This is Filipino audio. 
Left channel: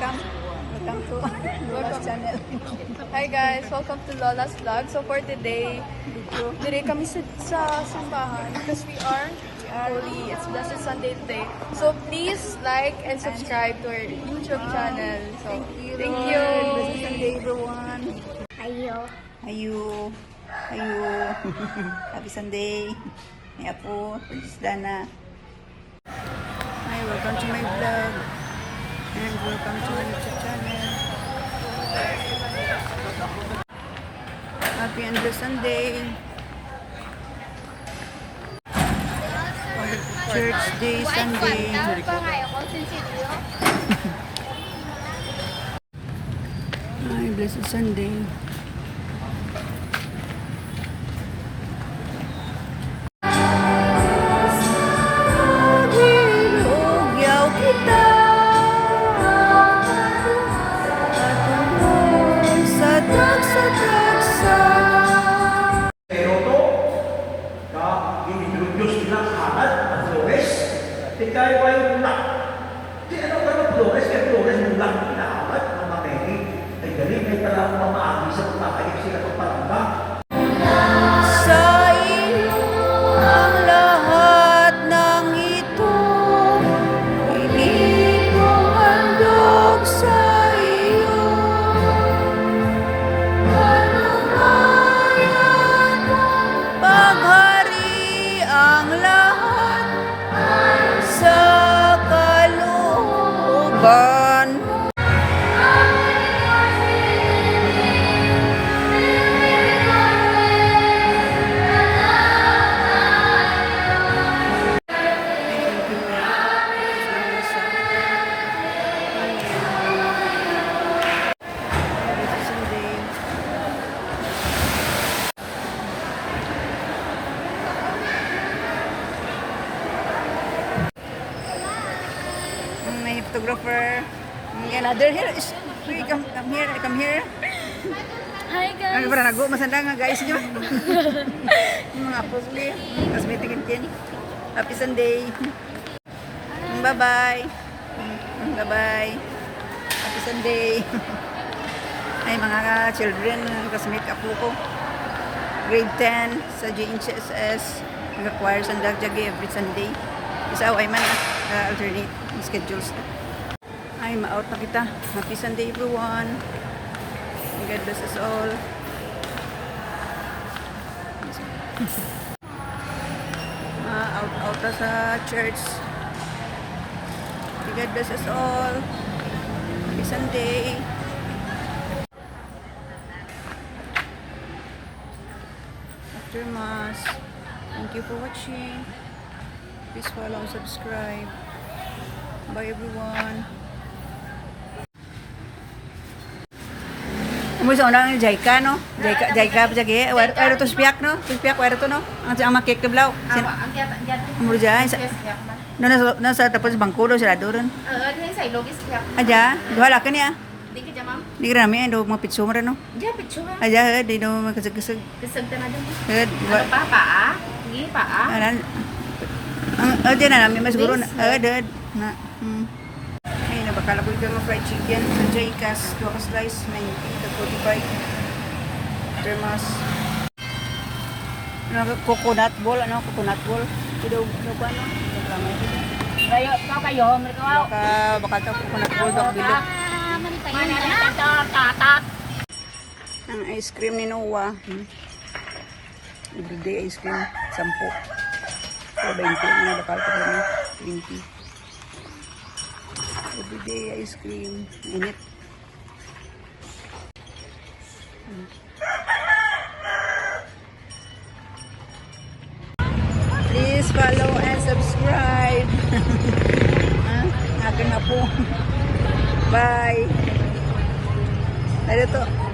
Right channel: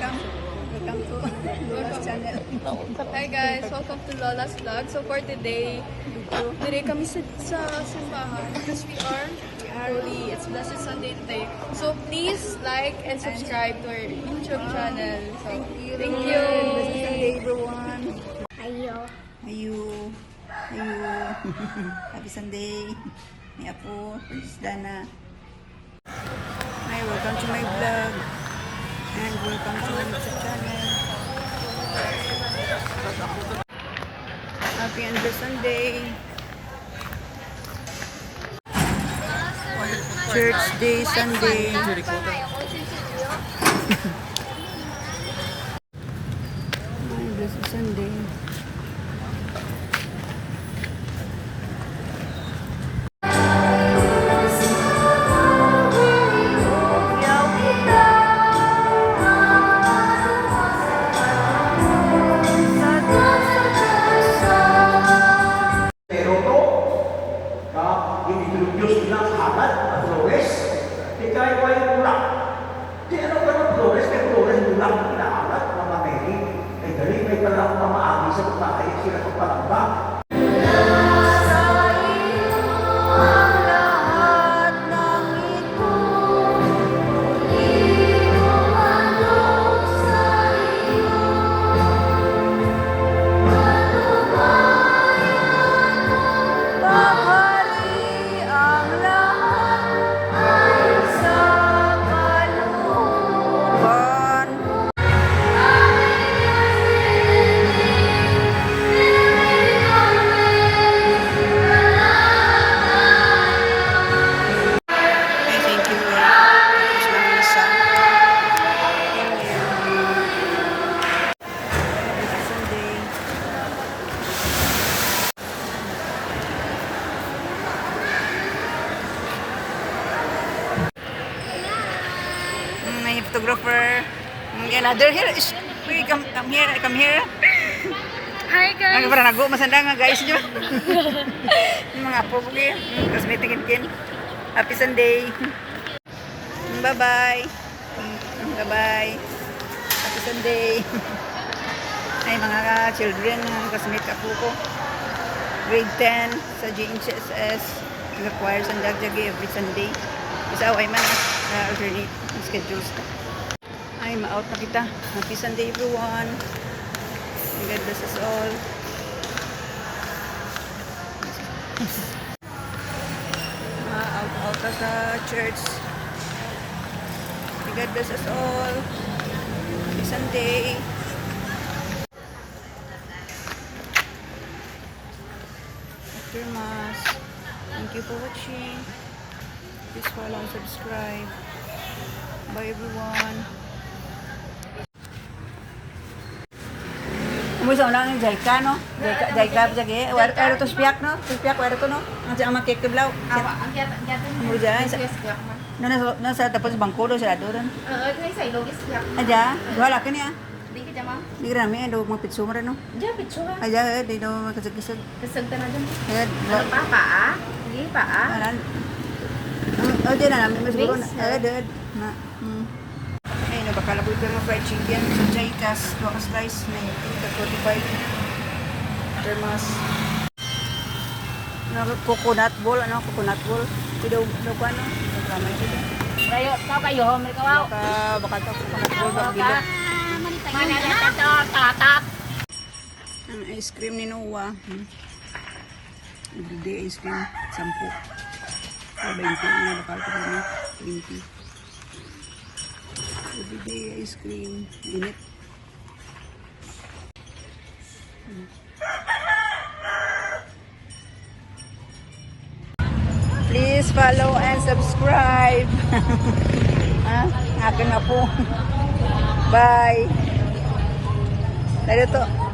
welcome. Welcome to Lola's channel. Hi guys, welcome to Lola's vlog. So for today, dire kami sa simbahan because we are holy. It's Blessed Sunday today. So please like and subscribe to our YouTube channel. So thank you. Blessed Sunday, everyone. Ayo. Ayu. Happy Sunday. May apo, Princess Dana. Hi, welcome to my vlog. And welcome to my YouTube channel. Happy and blessed Sunday. Church Day, Sunday. Ay, blessed Sunday. Introduce nila sa hangat ang progress. Ikaw ay mulak. Di ano ba yung progress? Kaya progress mulak. Inaangat na maneni. Ay galing may talang mamaagi sa pagkakaik sila ng palamba. Sa iyo ang lahat ng ito. Hindi ko handog sa iyo. Paghari ang lahat sa kalooban. Thank you, Lord. Salamat sa Sunday. May photographer. Another here. Wait, come here. Hi guys. Ang parang nago masanda nga guys niyo. Yung mga apo ko kayo. Cosmetic kin. Happy Sunday. Bye-bye. Bye-bye. Happy Sunday. Ay mga children, cosmetic apo ko. Grade 10 sa GHSS. Nag-acquire sa Dagjagi every Sunday. Isa ay man alternate schedules. Ay, ma-out na kita. Happy Sunday everyone. May God bless us all. Ma-out na sa church. May God bless us all. Happy Sunday. After Mass. Thank you for watching. Please follow and subscribe. Bye everyone. Amo sa unang Jaika no? Jaika jage. Wala to spiak no? Spiak wala to no? Ang makik teblaw. Mo jay. Na sa tapos bangko do sila doon. Ni sa ilogis siya. Aja, duha ka niya. Di ka jamam. Di ka namin do mga pitso mo rin no? Diyan picture. Aja, di do makasag-kasag. Kesenta na dun. Head. Gi pa. Anan. Ang di na namin mas siguro na. Dead. Na. Ay, nabakalabog ko ng fried chicken. Jaikas, 2 ka slice, 19.45. Termas. Coconut ball, coconut ball. Ito pa, ano? Nagramay ito. Rayo, papayo, merkawaw. Baka ito coconut ball, baka bilog. Mana na tatat. Ang ice cream ni Noah. Everyday ice cream, 10. O 20 na bakal ko na 20. Everyday ice cream. Init. Please follow and subscribe. Akin na po. Bye. Dito.